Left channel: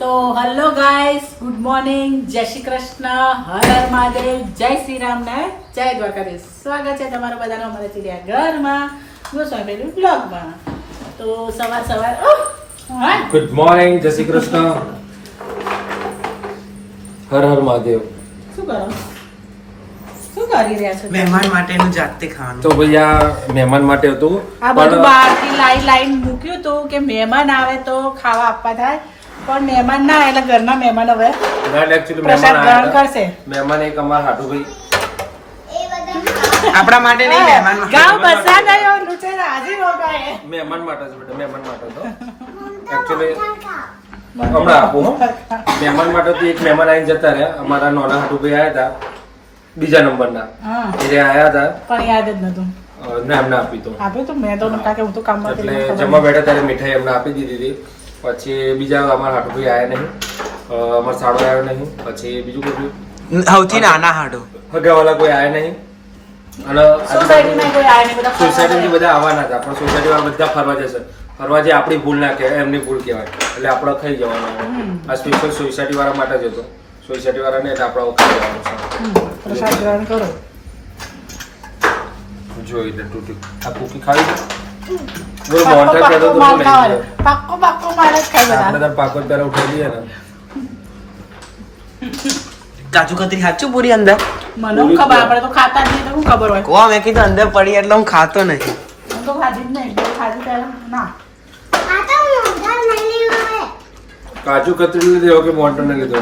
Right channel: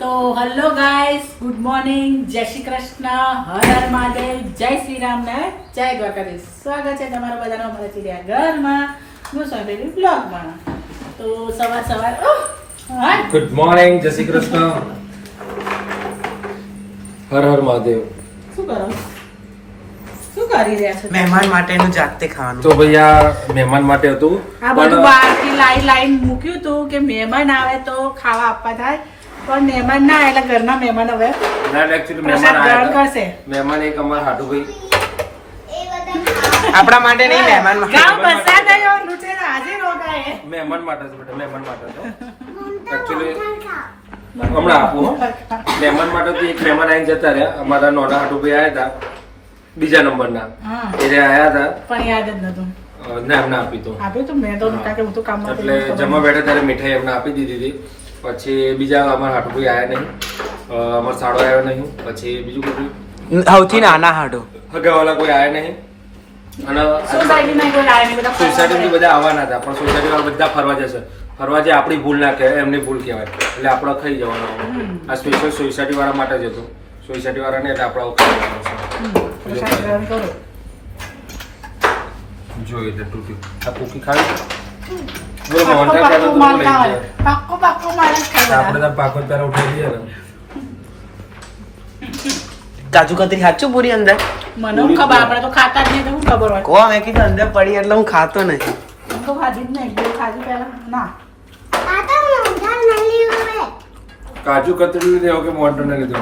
તો hello guys, good morning, જય શ્રી કૃષ્ણ, હર હર મહાદેવ, જય શ્રી રામ ને જય દ્વારકાધીશ. સ્વાગત છે તમારા બધાનું અમારા ચીડિયા ઘરમાં, ગોસ્વામી બ્લોગમાં. તો સવાર ગુડ મોર્નિંગ, જય શ્રી કૃષ્ણ, હર હર મહાદેવ. શું કરો, શું કરી રહ્યા છો? મહેમાન માટેનું જાતે ખાવાનું. તો ભાઈ આ મહેમાન માટે હતું, આ બધું બહારથી લાઈન મૂક્યું હતું કે મહેમાન આવે તો ખાવા આપવા થાય, પણ મહેમાન ના એટલે ઘરના મહેમાન હવે પ્રસાદ ગ્રહણ કરશે. મહેમાન એક અમારા હાટુભાઈ આપણા માટે નહીં, મહેમાન ગાંવ માટે. પ્રસાદ આવ્યો, લૂંટેરા હાજર હો ગયે. મહેમાન માટે છે બેટા, મહેમાન માટે તો એકચ્યુઅલી હમણાં આપું હો. મહેમાન માટે તો એક મહેમાન આવીને જતા રહ્યા, અમારા નાના હાટુભાઈ આવ્યા હતા બીજા નંબરના, હા, એ આવ્યા હતા, પણ યાદ જ નતું ના એમને આપી તો આપ્યું તો મેં તો નકા કે હું તો કામમાં એટલે જમવા બેઠા ત્યારે મીઠાઈ એમને આપી દીધી હતી. પછી બીજા અમારા હાટુભાઈ આવ્યા નહીં, અમારો સાડો આવ્યો નહીં, પછી બીજું બધું સૌથી નાના હાડો. હગાવાલા કોઈ આવ્યા નહીં. અને સોસાયટીમાં કોઈ આયા નહીં, બધા સોસાયટીથી બધા આવવાના હતા, પણ સોસાયટી વાળા બધા ફરવા જશે. ફરવા જે આપણી ભૂલ ના કહેવાય, એમની ભૂલ કહેવાય, એટલે આપણે ખાઈ જવાનું. આ સ્પેશિયલ સોસાયટી વાળા માટે જ હતું. સોસાયટી વાળા ને એટલે આપણે ખાઈ જવાનું પ્રસાદ ગ્રહણ કરો. છે. જોઈ લે તૂટી આ કુકી ખાવી છે. બોલો મોહનથાળ ખાધો તો માર લઈ ખાવાનું. જાય. પાક્કો મારે જ ખાઈ આપણે લેવાનું. તાર પાકો પહેલા ઉઠાઈ દઈએ ને. કાજુ કતરી સાચું પૂરી અંદર મને હું ખબર, આપણે તો ખાતા જ નહીં તો શું ખબર હોય. કો મેં કીધું અંદર પડી એટલે હું ખાતો નહીં. હું તો ખાધી જ નહીં, એટલે ખાધી ત્યારે ના. કાજુ કતરી લીધી એવું કે મોટર ને લીધો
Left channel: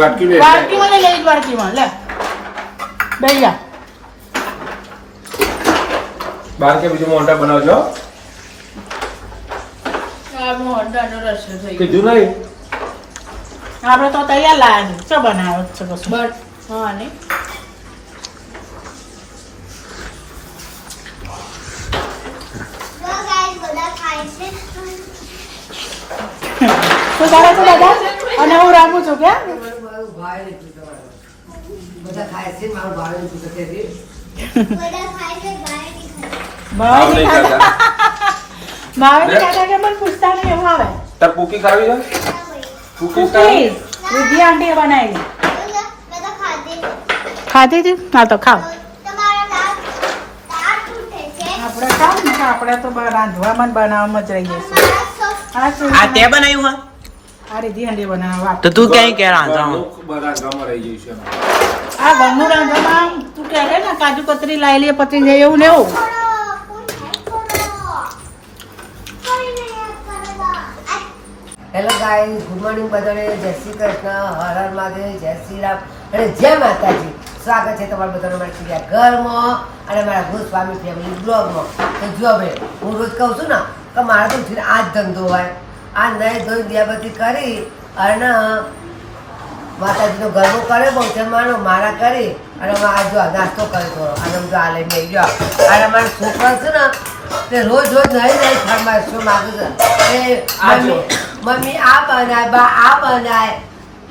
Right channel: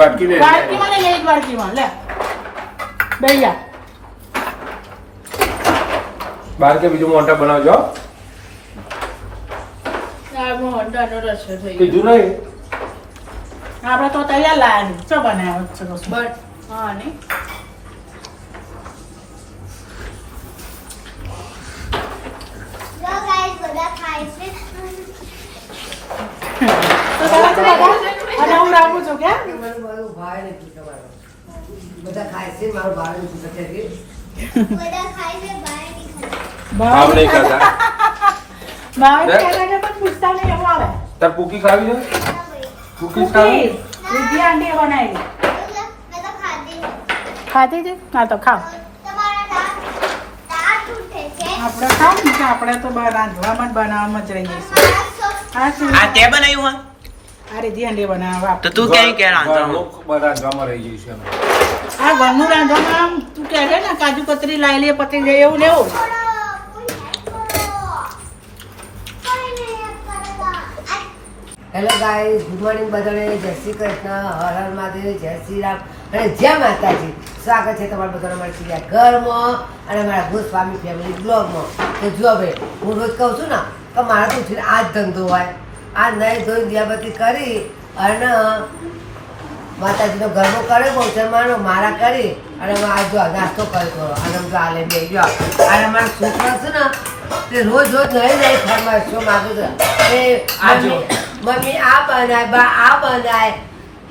વાટકી લે વાડકીમાં લઈ ગઈ, વાડકીમાં લે બેહી જા. બહાર કે બીજું મોટા બનાવજો. આ મોહનથાળનો રસો થઈ ગયો. કીધું નહીં આપણે તો તૈયાર લાયા છે. શું બનાવ્યો છે બસ? હા ને તો ચાલો તો દાદા, અને હું રાખું છું કે બધા ખાય છે, મારો ભાઈ નથી શકે છે. ભાવે નહીં ખાવા ખાતા. ભાવે નહીં ખાતા કે મને પૂછતા નહીં એવું આવે. તાર કુકી ખાવી છે કુકી ખાવી કૂકીઝ, દૂધી આંટી બનાવી ખાતી હતી. હા તો ખાવ, આપણે ખાવ ને કે આપણે તો રાંધવામાં જ બનાવવામાં જ રહીએ છીએ. આ શું? આ તે બનાવ્યું હા? આ રીધી હાંડી બનાવવા. તો તું ક્યાં કે રાંધવાનું? બનાવવામાં રહી જઈશ એમ. આ ઘરનું રાંધવામાં તું કહે છે ને કાજુ કતરી લાવી લે પતી જાય એવું ને એવું. હેલો ગાઈસ, ગુડ મોર્નિંગ બધાને. જય શ્રી કૃષ્ણ, હર હર મહાદેવ, જય શ્રી રામ અને જય માતાજી. સ્વાગત છે તમારા બધાનો મારા ચીડિયા ઘરમાં અને મારા ગોસ્વામી ફેમિલી બ્લોગમાં. તો જો ભાઈ, હું રોજ કહું છું ને કે મારા તો ઉઠીને આ જ ધંધો હોય. આ નહીં ધોઈ દિયાબત્તી કરી અને માતાજીનો ગરબો કર્યો, બહુચરમાનો મારા કરી અને આ જો નાસ્તો કર્યો. અને જો આ લઈને બેસી ગયો. અને મારા છોકરા છે ને તે રોજ નહીં ફરમાઈશો માગું છે. એ મમ્મી આ બનાય, બા આ બનાય,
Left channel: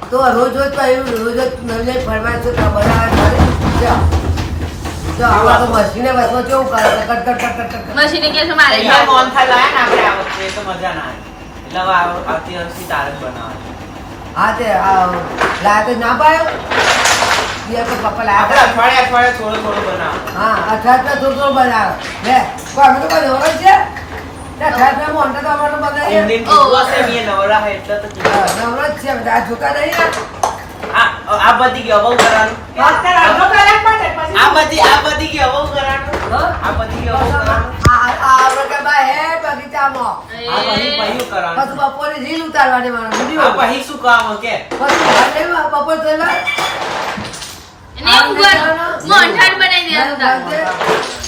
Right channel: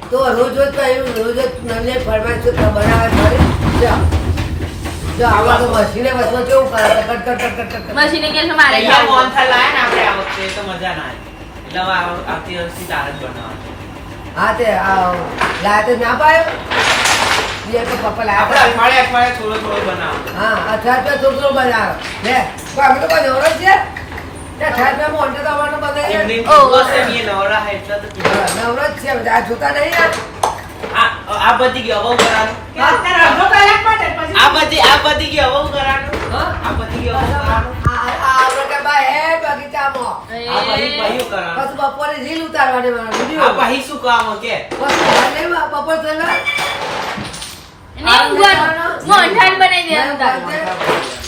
તો રોજ કહ્યું રોજ નવી ફરમાઈશો બનાવવા કરી. જો આમાં તો મશીને વચમાં કેવું કરે છે, cut cut cut cut cut. Machine એટલે શું મારે અહીંયા મોહનથાળ લાયા ને આપણે આ વખતે તો મજા ના આવી. એટલે હવે આવતી વર્ષથી તાર જ બનાવવાનું. હા તે લાયા તો ના પાડ્યો એ તો પપ્પા આપણે લાયા. અઠવાડિયે થોડું બનાવવાનું. હા અઠવાડિયે થોડું બનાવો લે. કોઈ અમે તો કોઈ નવરો જ છે. અઠવાડિયે મોટા તો અમારે તો બધા એમની દિવસ એમ એ નવરા હે એટલે તો કીધું. નવરો જ છે બધા. આ જોતા નહીં ને. આ બધી ગયો બહુ કરવાનું. અત્યારે અડધો કલાક માટે પછી આ બધી ગયો બહુ કરવાનું. આ બધી ગયો બહુ કરવાનું. આપણે કે ભાઈ હે બગીચામાં આ પછી કરવાનું. પછી બપોરે રીલ ઉતારવાની મારો આ વિડીયો. પછી શું કામ કે પછી ભાને બપોર થયેલા મોહનથાળ બનાવી દેવાનું તારું.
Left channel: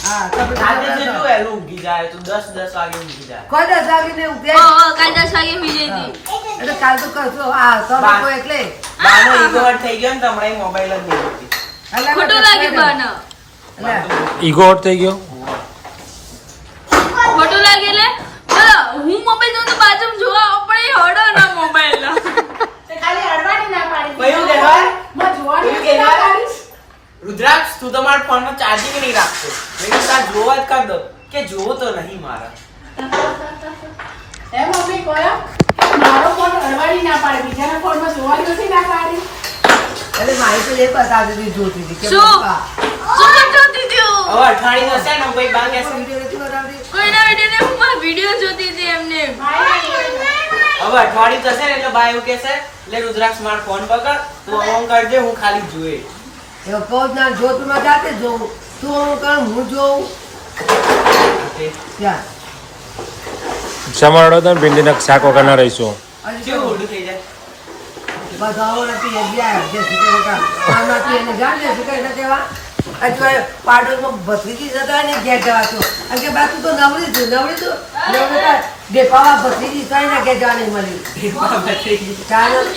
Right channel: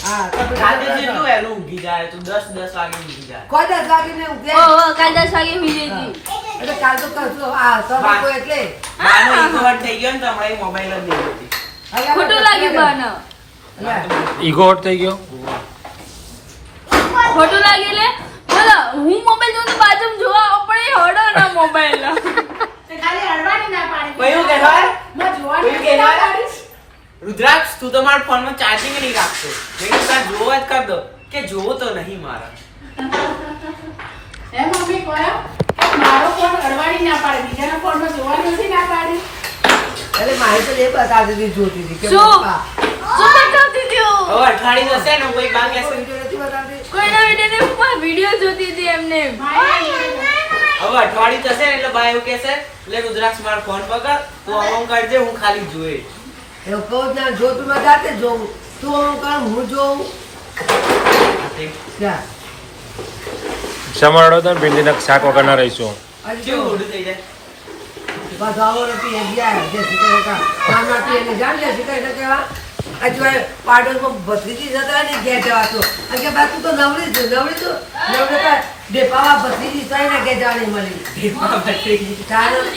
હા તો પછી રાતે જેટલું વહેલું ઊંઘી જાય તું 10 વાગે ઊંઘી જાય. કોઈ 10 વાગીને ઊંઘે. કાલ 10 વાગે મિલી હતી. એટલે કાલ તો કરશો. આ તો કોઈ એટલે બાનો ઈગો હટ થઈ ગયો ને તો હમણાં મોબાઈલ જ નહીં હોતી. ખોટું લાગ્યું બાને. ઈગો હટ થઈ ગયો. ખોટું લાગે એટલે ચલો હું મોબાઈલ જોઉં તો બાજુમાં જોવા આપણે હડો ના મોબાઈલ તે ખાલી હડવાની ના પાડી. કયું કે હા? માં જોવાની કયું કે ના હા? પાડીશ. રુદ્રાક્ષ તું તો મારા ફોનમાં ચાર્જિંગ નહીં રાખતો. મેં કીધું આ જોવા જ કર દો કે જોવો તો નહીં મારા. એમ મમ્મી કહ્યું કે મારો ફોન કરવાની ના પાડે બીજાના ફોનમાં જોવાની નથી ના પાડી. એટલે મારી તો એ બતાવતી હતી, જોતી હતી કે શું? પપ્પા શું જોતી હતી હું? હવે અઠવાડિયું જશે ને કોઈ બાર કહેશે વિડીયો નથી બતાવતી. કોઈના વિડીયો જોતી હતી એમને. હવે અઠવાડિયું જશે ને એટલે બા એવું કહેશે લે રુદ્રાક્ષ માર ફોન પકડ તું આમ કરજે હું ખાલી જોઈ એવું કહું જ ના, જો તું માં જાતે જોઉં, તું આમ કર, હું જોઉં. જા. સમાડો તો ભીંડીના શાક વગરના રહીશું હજી કેવું તો ઊંધું થઈ જાય બસ આવો નથી, હજી આવ્યા. જે શીખે કા આમાંથી એને જાણ જે શીખે છે તેવા હજુ પાડોશમાં ભત્રીજી જતા ને ઘેર જવાતું. અને કે બાકી તો નવરી છું ડેપાવા ભત્રીજી સોય ના ઘેર જવા નહીં મળ્યું. કારણ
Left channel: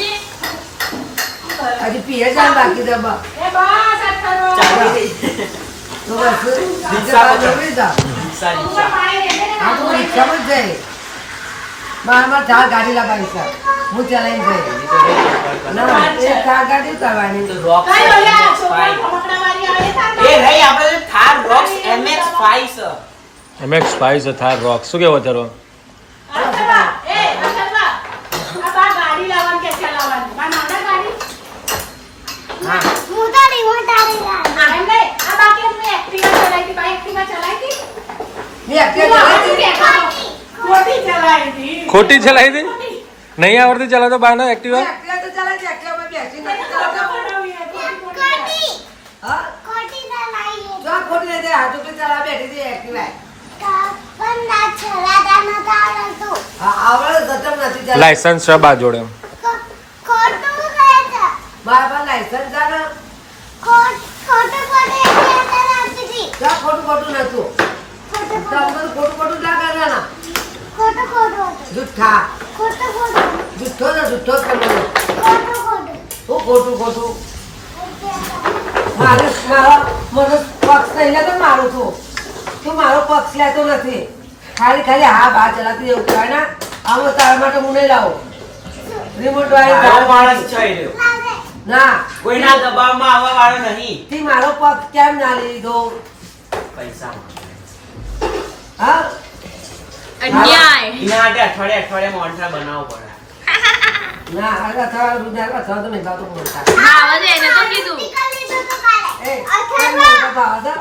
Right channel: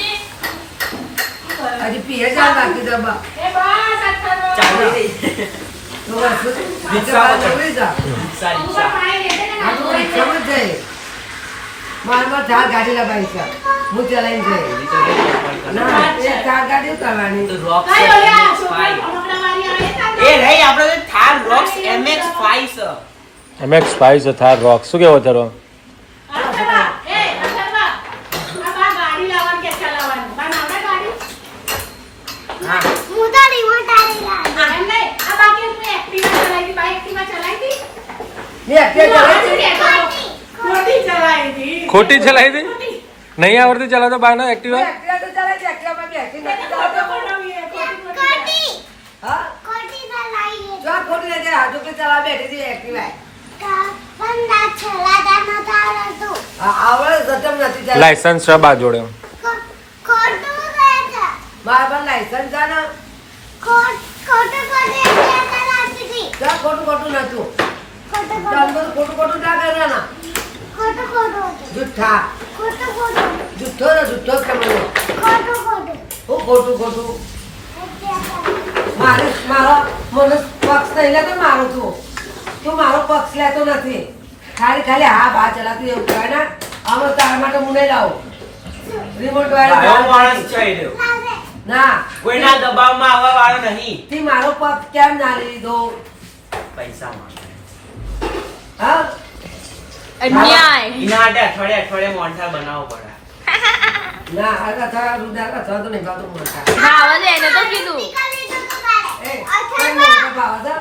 હજી પીએ જાય બાકી તો બા. એ બસ આ કરો. ચાલુ થઈ તો બસ નવરી જા. સારી આ તો રિક્ષામાં જ જાય. મારામાં ચાર ગાડી લાવવાની છે, હું ચલાવીને જઈ. ના એ ચાર ગાડી કરવાની. રોક્સ કઈ ઓલા છોકરા રમકડાવાળી આવે છે ને? એ રહી આપણે જે થાર રોક્સ MX5 છે MX સ્પાઇસ થાર રોક શું કેવો તારો એ કરવા. આ બા ગાડી લાવવાની કે ચલાવવાની? બા નાના ગાડી? એમ નહીં. આ બા કે હું એક્ટિવા ચલાવી હતી. બા એક્ટિવા ચલાવી હતી? મેં અત્યારે ચલાવી. ખોટી ચલાવી હતી. ખોટી ચલાવી દે નહીં આવડતી ચલાવતો બાર ના એક્ટિવા એક્ટિવા તો ચલાવી છે, એક્ટિવામાં બેસીને નથી ફોટો ચલાવતો. બનાવી હે, ખોટી. હા? જો આ ખોટી નથી, આ ચોકડી ચલાવવા બેઠી હતી એક્ટિવા. હા, આવડે ગતમ નથી ચલાવતી. લાયસન્સ છે બા જોડે મારા પાસે લાયસન્સ છે ને. જો આ ખોટું ખોટું નતું. તમે બધું ખોટું ખોટું ના કરવાના. જુઠ્ઠા. જુઠ્ઠો ને જુઠ્ઠો જ કરવાનો. હું ખોટું ખોટું. મારો મને પક્ષ નહીં લેતો, મારું તું મારો પક્ષ લેતો નથી. ખાલી ખાલી હા બા ચલાતી એવું કહેવાય ને. આમાં તારા માટે હું નહીં લાવું. રિમોટ આવો વાળી માણસ છે એ રહ્યો. ના કોઈના દબાવમાં આવવા વાળો નહીં તે મારો પક્ષ કેમ ના લીધો? પૈસા હા અન્યાય. એના માટે અઠવાડિયે મોંઠા બનાવવો પડે ના અથવા રૂપિયા અથવા તો નહીં ભાવતો મળતા. હા, હવે એને તો કીધું. એ તને મોટા ભાવ હતા?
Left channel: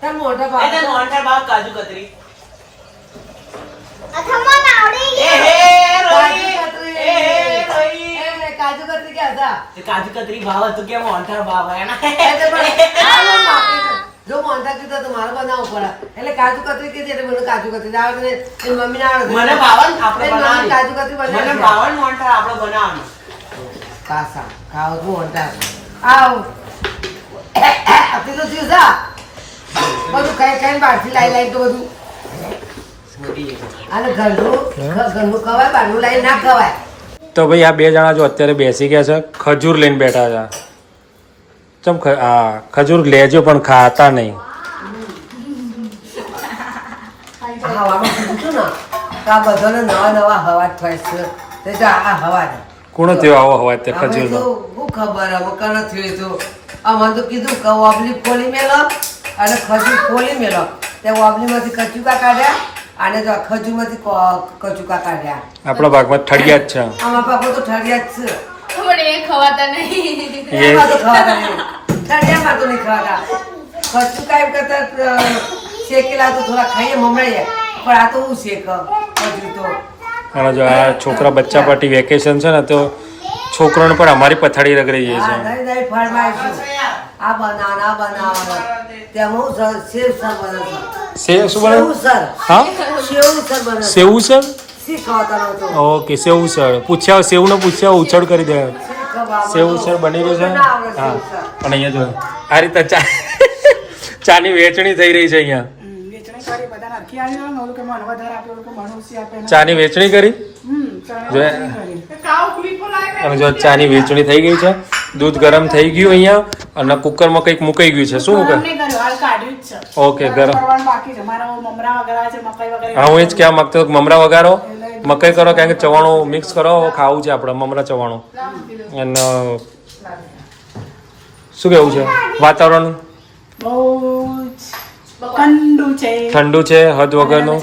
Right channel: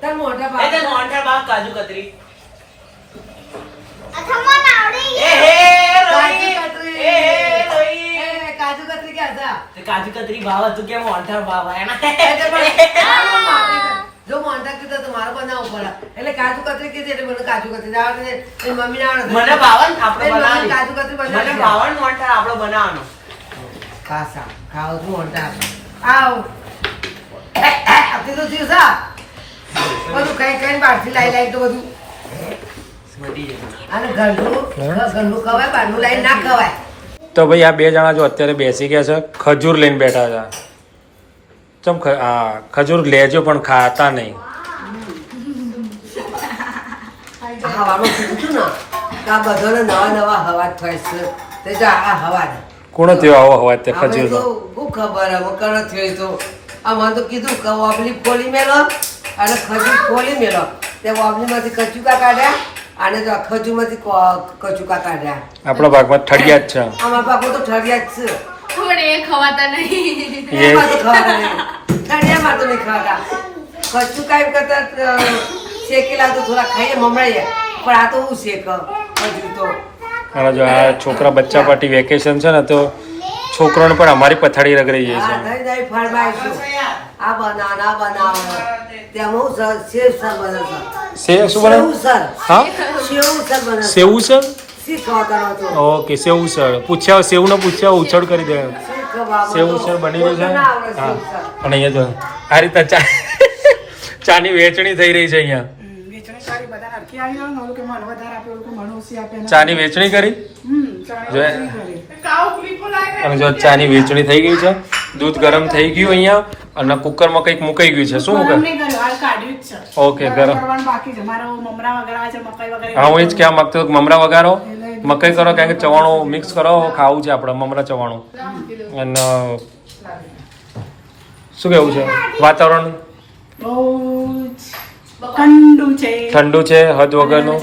તને મોટા ભાવ એટલે હતા? મોંઠા બાપ કાજુ કતરી એ કાજુ હે કતરી. એ હે રોઈ એ, કાજુ કતરી ક્યાં હતા? તે કાજુ કતરી ભાવ હતું કે મોંઠા ભાવ એના એટલે પણ જો મોંટા કીધું તો મારે બનાવવું પડે. એટલે કાજુ કતરી કીધી એટલે મને કાજુ કતરી આવડે ને એની મમ્મીને આવડે. મને ભાવન આપણે એની મમ્મી કાજુ બનાવવાની કતરી બનાવી મને છે. ભાવન મોંઠા આપણે બનાવવાનું પાસા ખાવ છું મોંટા. આવ કીધું થયું સા બધું કઈ કઈ બહારથી લાવી તો બધું. અને ઘરનું ખવાય, બહારનું લાવી ના ખવાય. તો ભાઈ આ બે જણા જો અત્યારે બેસી ગયા છે ખજૂર લઈને બેઠા છે ચમ હા ખજૂર લેજો પણ ખાતા નહીં હવાનું કીધું હતું ને તો આ બધાને નવા નવા હવા થાય છે. તે જો આ હવા છે. કોણ થયો આવો હવા તે આપણે ખજૂર તો શું ખબર હવે કણ થયું તો મને તો કીધું કે વાબલી ખોલી મેલો અને ખજૂર ખોલી મેલો. તે વાબલીમાંથી કચુકા કાઢ્યા અને જો ખજૂરમાંથી કચુકા કાઢ્યા. આપણા ભાગમાં ઠળિયા જ છે અમારા બાપુ તો ઠરિયા જ છે. પણ એ ખવાતા નહીં. એમાં તો ખવાતા નહીં. ઠરિયામાં તો નહીં ખવાતા. કચુકા એમ કરતા શેકેલા તો થોડા ખાઈએ મમળીએ પણ આ તો હું શેક ખજૂર તો. અને જો આ છોકરા બચ્ચા પાર્ટી વેકેશન છે ને તો છોકરાને પણ અમારી પથારી રગડી જાય હા, છે નહીં, નહીં, ફરમાઈશું. આ બનાવો, આ બનાવો. ત્યાં હું સેવ સર બને છે. સેવ શું બને સેવ સર. હા સેવ સર બને છે. સેવું સર શી ખાવાનો હતો? ઓકે સેવું સર પૂછ્યા સેવને પૂછ્યા ઉછળ કરી દે શી ખવામાં સેવું હતો? સર બની રહ્યું છે ના આવડે હા સેવ સર. અને અહીંયા જો આ રીતે ચાની વેચણી થઈ રહી છે અહીંયા વેચણી કરી બધાને આખી આવી ગયું ને, ઓલું કે મને વધારે આપે, ઓલું કે મને ઓછી આપે ને. ચાની વેચણી કરી ચાણી જો કરી. કાવ ખુલી ખુલાય અને જો ચાની વેચણી થઈ ગઈ છે દૂધ ગરમ થઈ ગયું અહીંયા અને કુકરમાં કંઈક મુકાઈ ગયું છે શું ગરમ મુકાય નહીં કર્યું, હાલ કાઢ્યું જ છે. ઓકે ગરમ કરવાનું બાકી છે. મારો મમરા વગેરે છે, મકાઈ વગેરે. હા હું એ જ કહેવા માંગતો હતો કે મમરા વગાડો મકાઈ કરો કારણ કે ચવાણું મિક્સ કરો ખાવું છે આપણે મમરા ચવાણું અને શું કેવું છે વાતાવરણ બહુ જ ઠંડુ છે. ઠંડુ છે હદ વગરનું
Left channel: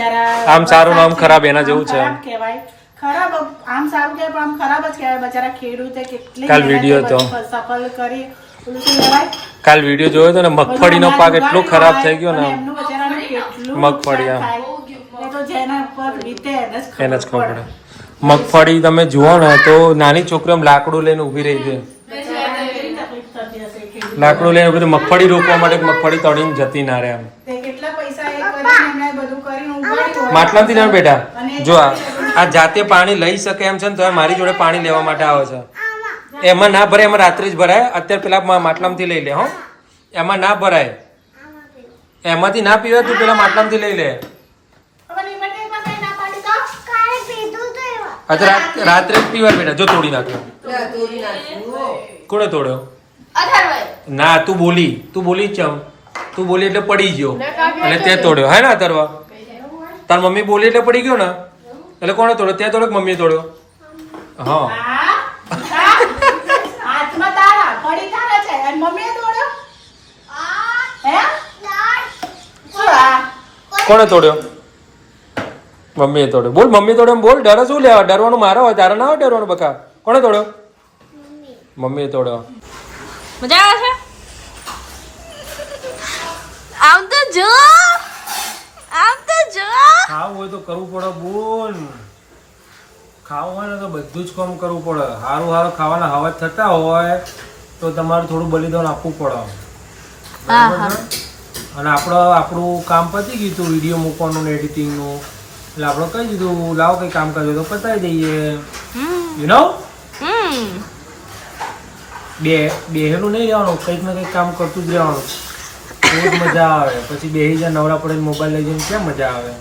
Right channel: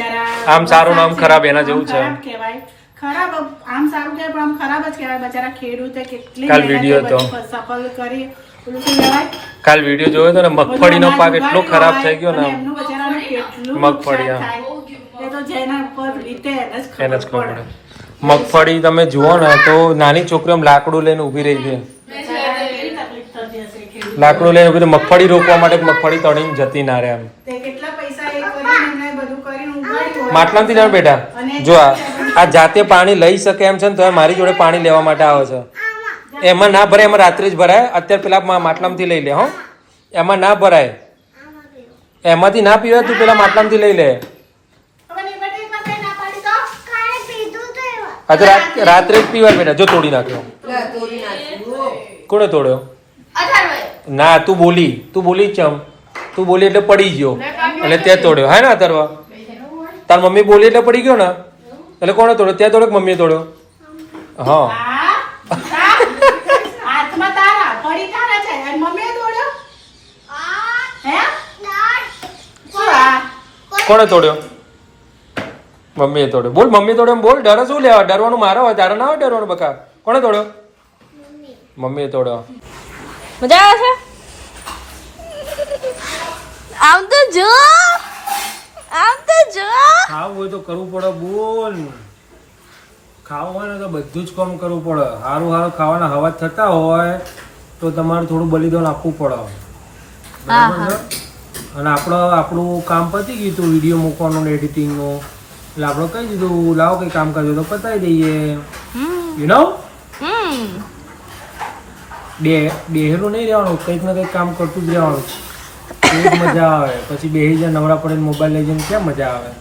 આમ સારું ને આમ ખરાબ એના જેવું છે ખરાબ કહેવાય. ખરાબ આમ સારું કહેવાય પણ આમ ખરાબ જ કહેવાય. બચારા ખેડૂતે કેટલી કાલ મહેનતે વિડીયો હતો. બધી સફળ કરી પેલું શું કહેવાય? કાલ વિડીયો જોયો તો ને મગફળીનો પાક એટલો ખરાબ થઈ ગયો ને અને એમનું બચારાનું કેટલું મગફળી, નુકસાન થાય. એ તો જેના ઉપર વીતે એને જ એને જ ખબર પડે. પડે. મગફળી તમે જુઓ ને તો નાની છોકરીઓ આમ લાકડું લઈને ઊભી રહી છે. બચારાને કેવી તકલીફ થતી હશે ખેડૂત. લાકડું લઈને ઊભી રહી, મગફળી રોકવા માટે મગફળી તળીને જતી ના રહે એમ. તે કેટલા પૈસા એ કરીને એમણે બધું કરીને ઉગાડ્યું હોય. માટલામાંથી ના બેટા જો આ જાતે પાણી લઈ શકે એમ છે ને તો મારી જોડે પાણી લેવા માટે આવે છે. એમાં ના ભરાય, એમાં રાત્રે જ ભરાય. અત્યારે પેલા માટલામાંથી લઈ લે. હો, એમાં ના ભરાય, એમાંથી ના પીવાય. તું પેલા માટલામાંથી લઈ લે. હવે નિમંત્રણમાં કઈ ના પાડી તો? અત્યારે રાત્રે જ પીવાય બેટા. જો તોડી નાખ્યો. તોડી નાખ્યું. કોણે તોડ્યો? અથર્વભાઈ. ના, તું બોલી ચમ. તું બોલી એટલે પડી ગયો એટલે તે તોડ્યો. હે ને અતરવા? તાર મમ્મી બોલી એટલે પડી ગયો ને એટલે કોણે તોડ્યો? તે તોડ્યો કે મમ્મીએ તોડ્યો? હા, હાથમાં તારા પડી તારા છે અને મમ્મીએ તોડ્યો. હે? શું આ? કોણે તોડ્યો? મમ્મીએ તોડ્યો. બોલ, મમ્મી તોડ્યો એમ બોલ. ડરે શું લેવા? ડરવાનું મારા હોય, તારા ના હોય ડરવાનું. બકા કોણે તોડ્યો? મમ્મીએ તોડ્યો. મજા આવે છે? આમ તો જો, આમ તો જો. ખાવું હોય તો કરવું પડે. બોલ, ખાવું હોય ને તો બધું જ કામ કરવું પડે. સારું સારું ખાવાના હવા થતા હોય તો તમારે થોડું બલિદાન આપવું પડે. બરાબર છે? અને આપણું કામ પતી ગયું હતું વિડીયો મૂકવાનું ને એડિટિંગનું, એટલે આપણે કહી દીધું લાવો કંઈ કામ કરજો તો પતાવી દઈએ. યુ નો, બેહેલું નહીં રહેવાનું, કંઈક ને કંઈક કામ કરતું જ રહેવાનું. બહુ જ મજા આવે. પછી બેહી જાય નવરા પડે મોબાઈલ લઈ જઈને ક્યાં મજા આવે?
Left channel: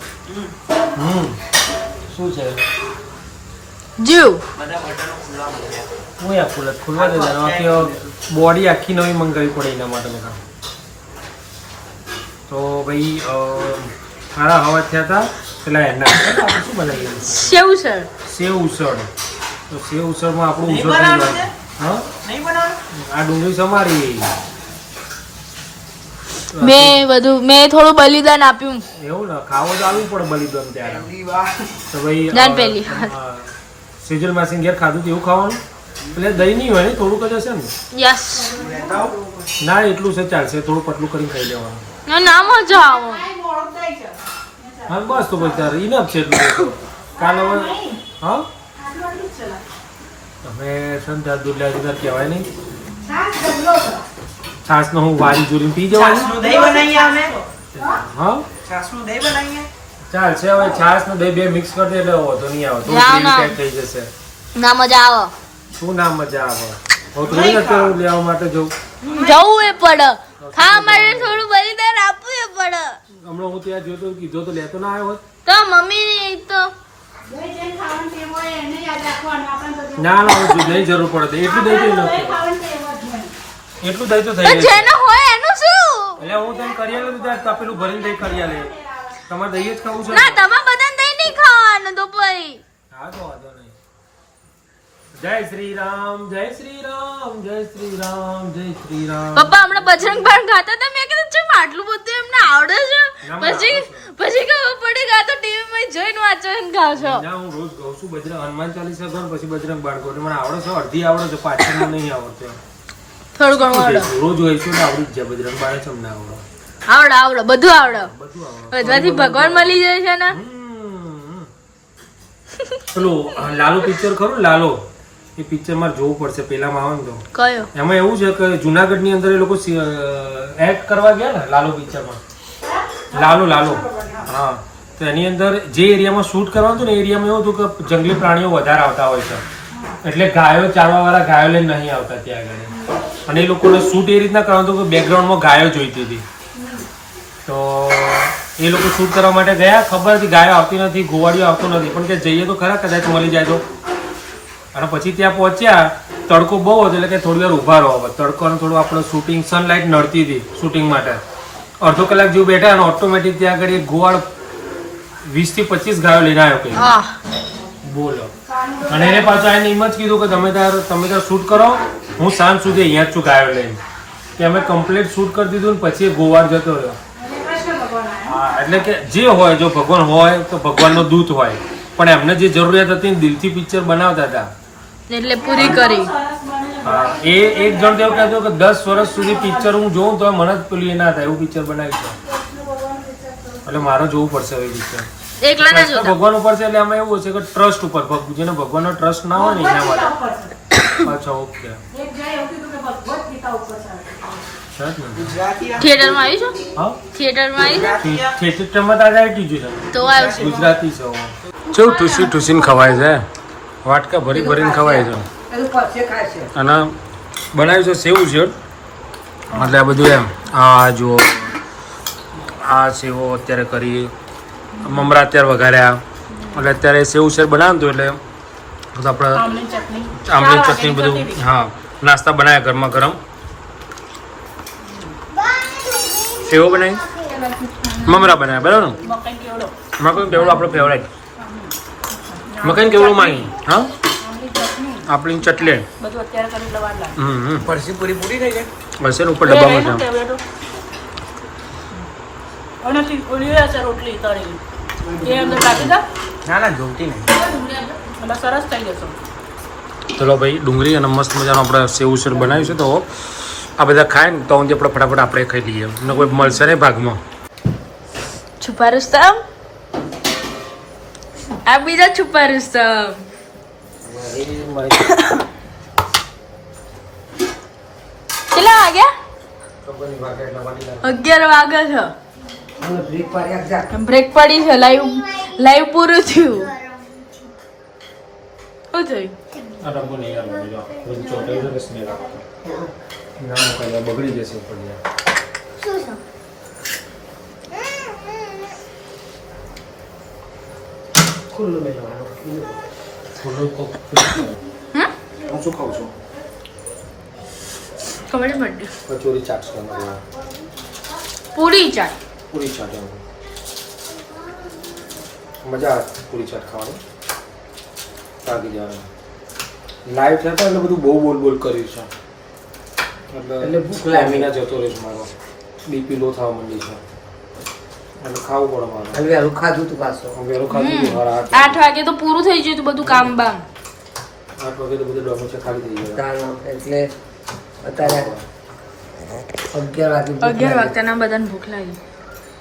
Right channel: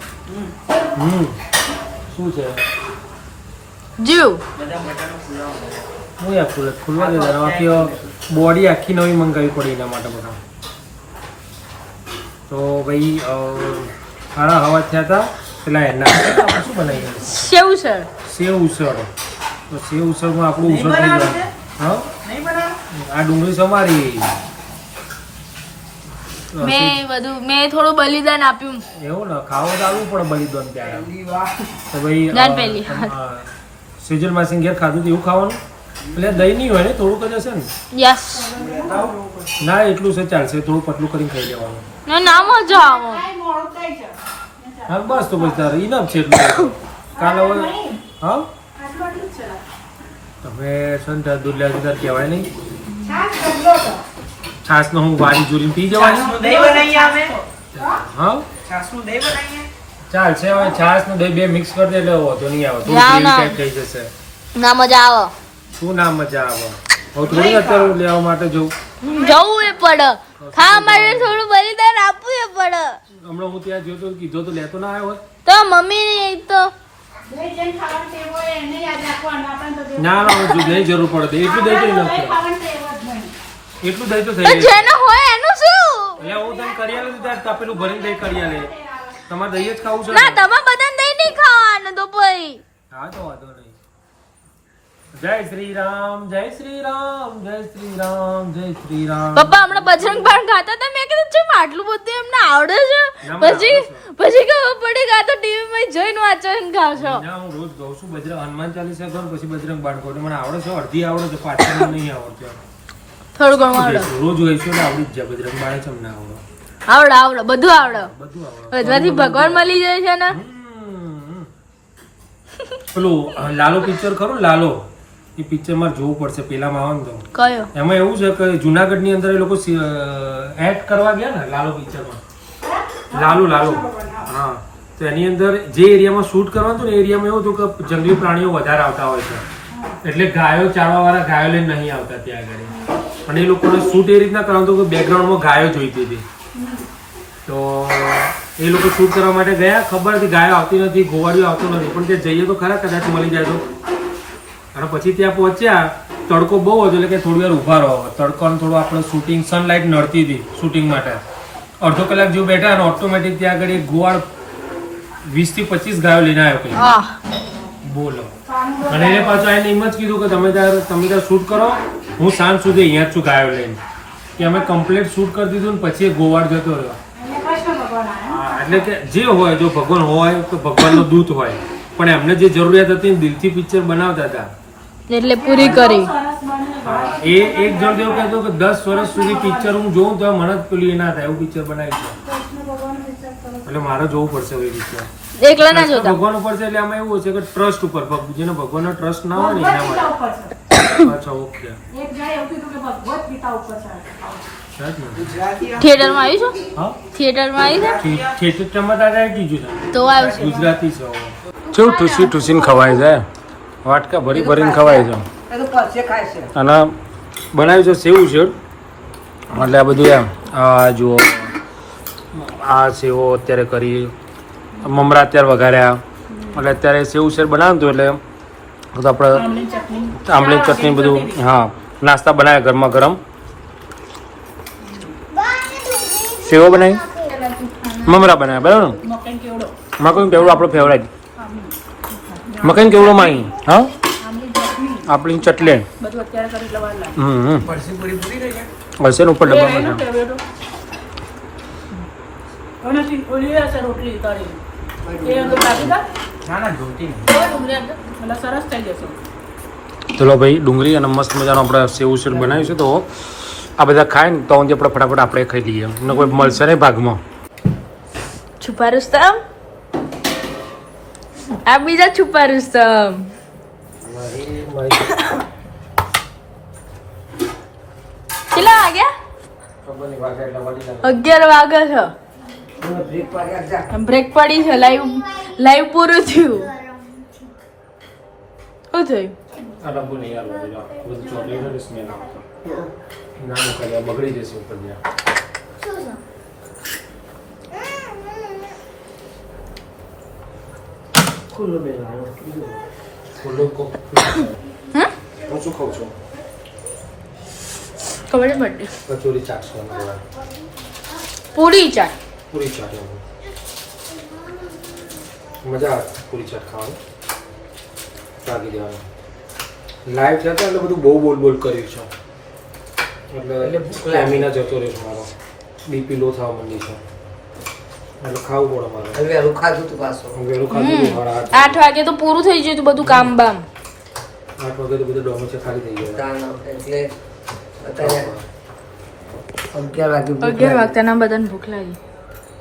શું છે? જીવ. હું યાર ખુલવા દે. આખી બોડી આખી નવી મંગાવી પડે એના માટે બધા. તો ભાઈ સારા હવા થયા હતા પેલા એના શું બનાવી ગયું? સેવ સર. સેવ ઉસળ. તો સેવ ઉસળમાં આપણું ઉસળ થઈ ગયું. હા, આ ડુંગળી સમારી. મેં થોડું બલિદાન આપ્યું. એવું ને, ખાવું તો આવવું પડે બલિદાન ત્યારે. તો ભાઈ દાન પહેલી સેજલ માસી ઘેર ખાધું એવું ખાવાનું. એટલે દહીં નહીં હોય ને, થોડુંક જ હશે ને? યસ. ના, એટલું છે ચાલશે. થોડું પતલું કરીને ખાઈ લેવાનું. ના મજા આવે. મોડું થાય છે. હા બસ, તો પછી તારે ઇનફ છે એટલું. કાલ હવે હા આટલું જ છે. તમે સંતા દૂધ લાવી કહેવાય નહીં. છાશ ડબલો હતો. છાસનો હું વારી જોડીને પી જવાની. છાશનું દહીં બનાવીએ અમે. હા છાશનું દહીં બનાવીએ. ચાલશે. હવે છાસ નો દહીં બે મિક્સ કરી દે એટલે વાંધો નહીં આવે. થોડું ના, ગ્રેવી ના. ટાઈપ થઈ જશે. ના મજા આવે. શું ના મજા આવે? હવે થોડી અત્યારે લેવા માટે જવું. જવું એ પડે. ખાવા માટે થોડું બલિદાન આપવું એ પડે. હમણાં હું ત્યાં જોતો કીધો તો લેતો ના આવ્યો હોત. તો મમ્મી તો દહીં જેને ખાવાની ટેવ હોય એને યાદ રાખવાનું. આપણે તો દહીં ના ના, હું દહીં જરૂર પડે. એટલું દહીં તો નથી. ખાવાની ટેવ જ નહીં. એટલું દહીં તો થઈ જાય. જેનો હોય એનું શું? એટલે હું તને કરી આલે ત્યારે તપેલું ભરીને દહીં કરી આલે. તમારે દહીં જ ખાવું છે ને? ના તમે બધા દહીં નહીં ખાવાનું તો પછી. હા તો વાંધો નહીં. જય શ્રી રામ, જય શ્રી રામ, જય શ્રી રામ, જય શ્રી રામ. પપ્પા હમણાં બજરંગ બાણ ખાતા હતા. મેં કીધું ચમ આટલું બધું એમને આવડે છે? ના, પછી ખબર પડી કે આ તો ટીવી માં જોઈને વાંચીને ખાવ છો. ના, હું રોજ ગાઉં છું હનુમાન ચાલીસા ગાઉં ને પછી બજરંગ બાણ ગાઉં. મને આવડે છે, અડધી આવડે છે, પાછળ મને નહીં આવડતું. થોડું ઘણું આવડે. રોજ હોઈશું ને આવડી જ જાય. બજરંગ બાણ જ અમને આવડે. આવડે બધું આવડે. બધું આવડે. બધાથી ભગવાન મળી જાય છે ને. પેલું લાલો પિક્ચર ખરું લાલો, એ પિક્ચર મારે જોવું પડશે. પેલામાં આવે ને તો કયો? એમાં એવું છે કે જુનાગઢ ની અંદર એ લોકો એક્ટ કરવા ગયા ને લાલો પિક્ચરમાં. લાલો હા. તો એની અંદર જે એરિયામાં શૂટ કરવાનું હતું ને એ એરિયામાં એવું હતું કે જંગલી પ્રાણીઓ વધારે આવતા હોય છે. એટલે ગાયો ચાલવા વાળા ગાયો લઈને નહીં આવતા ત્યાં આગળ. અને એ લોકોને શૂટ એ રીતના કરવાનું હતું કે બેકગ્રાઉન્ડમાં ગાયો જોઈતી હતી. તો એ લોકો શૂટ કરવા માટે ગયા. ખબર હતી ગાયો આવતી નથી, ગોવાળીઓ આવતું નથી, પણ કે જઈએ તો ખરા, કદાચ મળી જાય તો. અને પછી ત્યાં પહોંચ્યા, તડકો બહુ હતો એટલે કે થોડી વાર ઊભા રહો. તડકોને થોડું આપણે શૂટિંગ સનલાઇટ નડતી હતી શૂટિંગ માટે. અડધો કલાક જેવું બેઠા અને ઓટોમેટિક ત્યાં આગળ એક ગોવાળ 20 થી 25 ગાયો લઈને આવ્યો કોઈ. બોલો. અને એને પાછું એને એમ જ કીધું કે તમે ત્યાં શૂટ કરો, હું સાંજ સુધી અહીંયા જ છું ગાયો લઈને. કે અમે કમ્પ્લીટ શૂટ કરી દીધું ને પછી એ ગોવાળ જતો રહ્યો. અને કૃષ્ણ ભગવાન આવ્યા. હા, એટલે કે જે હોય, જો ભગવાન હોય તો ભગવાનનો દૂત હોય, પણ એમને જે જરૂરિયાત હતી ને દિલથી પિક્ચર બનાવતા હતા. એટલે પૂરી કરી. હા, એ એક જણ જેવું કહેતો કે 10 વર્ષ સુધી પિક્ચર હું જોઉં તો મને જ પેલું એ ના થાય એવું પિક્ચર બનાવી છે. એટલે મારે જોવું પડશે હવે પિક્ચર. એકલા ના જોતા. ભગવાન ઉપર છે એટલે આમાં એવું છે કે ટ્રસ્ટ ઉપર, જેને ભગવાનનો ટ્રસ્ટ ના હોય ને એના માટે. અચ્છા, ઓકે. એક જણાએ એવું કીધું કે ભગવદ ગીતા ઉપર છે. થિયેટરમાં આવી છો? હા, થિયેટરમાં આવી છો? થિયેટરમાં તો આજે આવી ગયું છે. તો આવ્યું છે. ગુજરાતી છે. કેવું ઠૂસી ઠૂસીને ખવાય છે, વાટકા ભરી ભરીને ખવાય છે. અને બનાવ્યું છે સેવ ઉસળ, એટલે આ બધું એમ. આ જુઓ, આ સેવો અત્યારે કરી, મમરા અત્યારે વઘાર્યા, એટલે અત્યારે સેવ ઉસળ બનાવતું એટલે બધું આપણે આંબલી ચટણી બધું. હા, નાસ્તા બનાવ્યા ગરમા ગરમ. સેવો બનાવી, મમરા બનાવ્યા, બરાબર ને? મકાઈ કેવડો. મકાઈ કેવડો આપણો ફેવરેટ. મકાઈ કેવડો માંગી. હા, આપણી ચટલે. બધું અત્યારે કરી એટલે વાર લાગે. હશે ને ઉપર ડબ્બામાં છે. અને ઓલી હશે રોટલી તળી. એ અંદર કાપી દો. ના જોતી નહીં. ડુંગળી અંદર. એટલે સરસ થઈ જશે. ચલો ભાઈ, ડુંગળી અને મસ્ત મજાનો આપણે સેવ ઉસળ બનાવ્યું છે. તો આ બધા ખાય ને તો આપણે ફટાફટ આપણે ખાઈ લઈએ. ને કોઈ મળશે નહીં ભાગમાં. છુપા રુસ્તમ. આ બીજા છુપા રુસ્તમ. કેટલા વાગ્યા? 11 વાગે છે. બ્રેક પડી છે. લાઈવ પૂરું થયું. શું થયું? આ ડબ્બો નહીં આવે, બધું ચોટાઈ છે, સ્મેલ આવે છે. ના મોકલી, બગડી જશે ઉપર જ્યાં. ખુલ્લું મેળવાનું હું શું ખાઉં છું? ખબર જ પડી. કચોરી ચાટ છે અમારે. પૂરી ચાટ. પૂરી ચાટ આવે, મજા આવે પૂરી ચાટ ખાવાની. તાગી જવાનું લાઈવ છે તો એટલે બધું બહુ બોલ કર્યું છે. એટલે સ્ટેમિના જતો રહ્યો છે મારો. બીપી લો થવા માંડી છે એટલે ખાવું પડે મારે. વહેલું ખાધું તું પાછું. વહેલું ખાધું હતું મારા 8 વાગે તો પૂરું થઈ ગયું હતું બધું કામ બામ. 8 વાગે તો બધું ડોમી છે ખાલી થઈ ગયું. એટલે અત્યારે 11 વાગે 11 વાગતાના બધાને ભૂખ લાગી.